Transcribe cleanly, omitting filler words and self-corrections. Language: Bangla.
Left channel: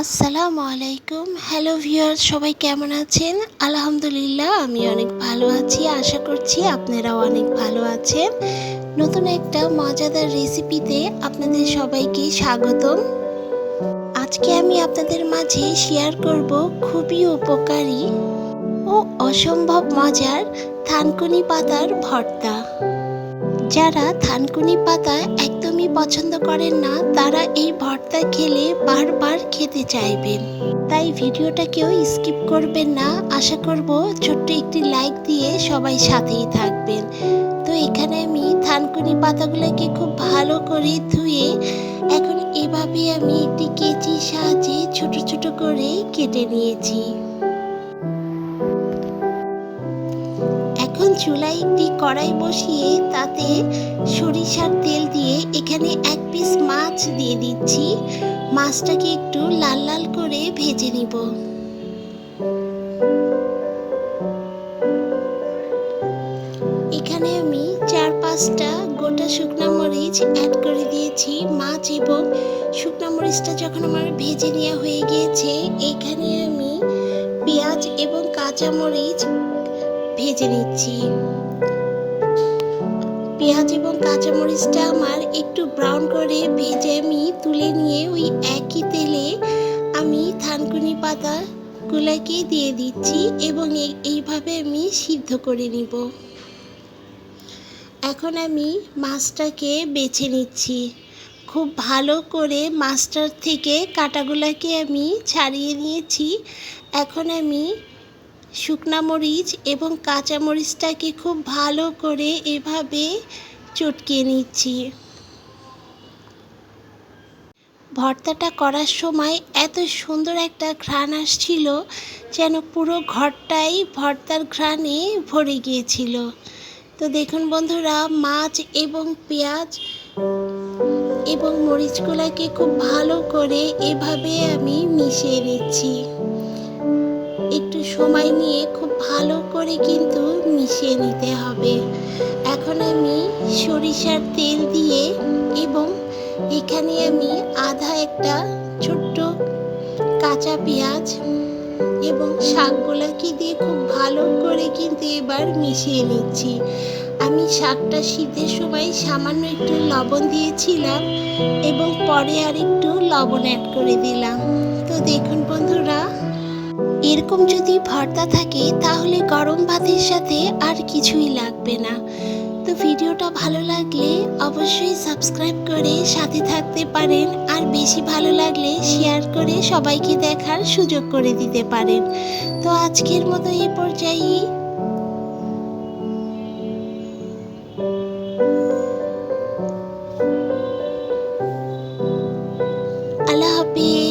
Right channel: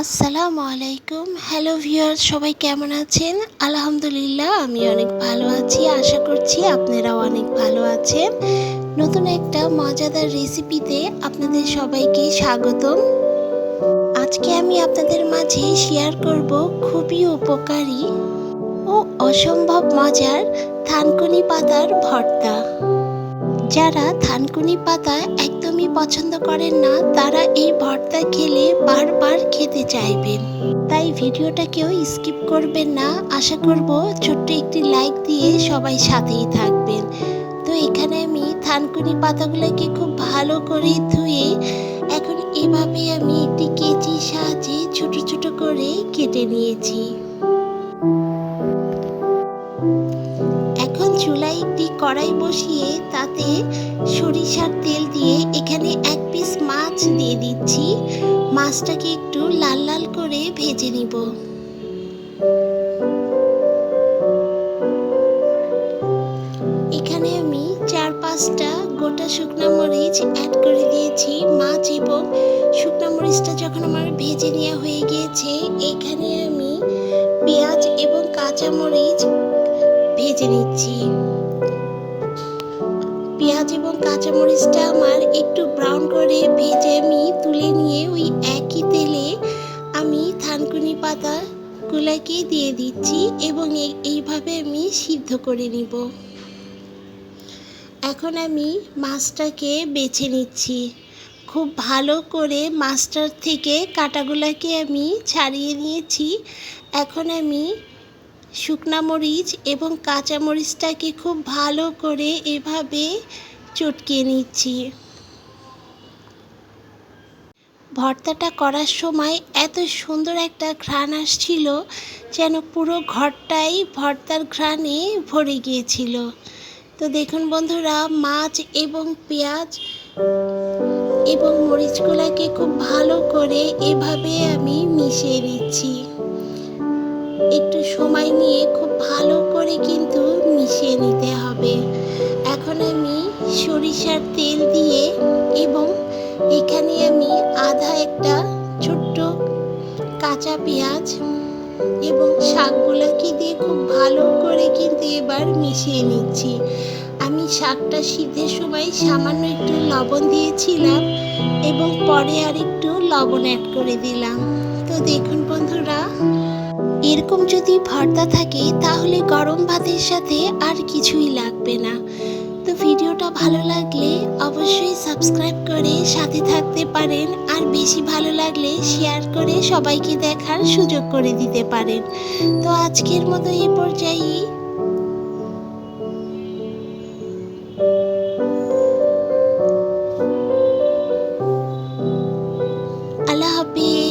আসসালামু আলাইকুম। হ্যালো ভিউয়ার্স, সবাই কেমন আছেন? আলহামদুলিল্লাহ আমি অনেক ভালো আছি। আশা করছি আপনারাও অনেক ভালো আছেন। নতুন একটা মজাদার রেসিপিতে আপনাদের সবাইকে স্বাগতম। আজকে আমি আপনাদের মাঝে শেয়ার করব খুবই উপকারী ও অসম্ভব মজার থানকুনি পাতার ভর্তা। যারা থানকুনি পাতা একদমই পছন্দ করেন না, তারা এই ভর্তা খেলে বারবার খেতে চাইবেন। তাই ভিডিওটা কেউ স্কিপ করবেন না। আশা করব ছোট্ট একটি লাইক দিয়ে সবাই সাথেই থাকবেন। তো এখানে আমি থানকুনি পাতাগুলোকে খুব ভালো করে ধুয়ে এখন এভাবে আমি একটি কেচির সাহায্যে ছোট ছোট করে কেটে নিয়েছি। এখন চুলায় একটি কড়াই বসিয়ে তাতে সরিষার তেল দিয়ে এখানে এক পিস মাছ দিয়ে দিচ্ছি। মাছটাকে একটু লাল লাল করে ভেজে নিব। এখানে আমি 4-5টা গোটা শুকনা মরিচ অ্যাড করে দিয়েছি। মাছ এবং শুকনা মরিচটা যখন আমার ভেজে নেওয়া হয়ে গিয়েছে, এখানে আমি পেঁয়াজ এবং কাঁচা মরিচ ভেজে নিচ্ছি। পেঁয়াজ এবং কাঁচামরিচটা আমার একটু ব্রাউন করে ভেজে আমি তুলে নিয়ে ওই একই তেলে আমি থানকুনি পাতাগুলোকে দিয়ে দিচ্ছি এবং এইভাবে আমি সিদ্ধ করে নিব। এখন আমি মাছটাকে বেছে নিচ্ছি। খুব ভালো করে মাছটার থেকে কাঁটাগুলোকে আমি ছাড়িয়ে নিয়েছি। এখন আমি শুকনা মরিচ এবং কাঁচা মরিচটাকে খুব ভালো করে এভাবে চটকিয়ে নিচ্ছি। ভর্তাটা করার সময় এত সুন্দর একটা ঘ্রাণ আসছিল, যেন পুরো ঘরটাই ভর্তার ঘ্রাণে ভরে গিয়েছিল। তো দেখুন বন্ধুরা, মাছ এবং পেঁয়াজ এবং মরিচগুলোকে খুব ভালো করে এভাবে আমি মিশিয়ে নিচ্ছি। একটু সময় নিয়ে খুব ভালো করে কিন্তু মিশিয়ে নিতে হবে। এখন আমি সরিষার তেল দিয়ে এবং এখানে আমি আধা একটা ছোট্ট কাঁচা পেঁয়াজ এবং শাকগুলোকে দিয়ে খুব ভালো করে কিন্তু এবার মিশিয়ে নিচ্ছি। আমি শাকটা সিদ্ধের সময় সামান্য একটু লবণ দিয়েছিলাম এবং পরে আর একটু লবণ অ্যাড করে দিলাম। তো দেখুন বন্ধুরা, এরকম যদি ভর্তা থাকে তাহলে গরম ভাতের সাথে আর কিছুই লাগবে না। তো ভিডিওটা ভালো লাগলে অবশ্যই সাবস্ক্রাইব করে সাথে থাকতে পারেন, আর বেশি ভালো লাগলে শেয়ার করে সবাইকে দেখার সুযোগ করে দিতে পারেন। তো আজকের মতো এই পর্যায়ে আল্লাহ হাফেজ।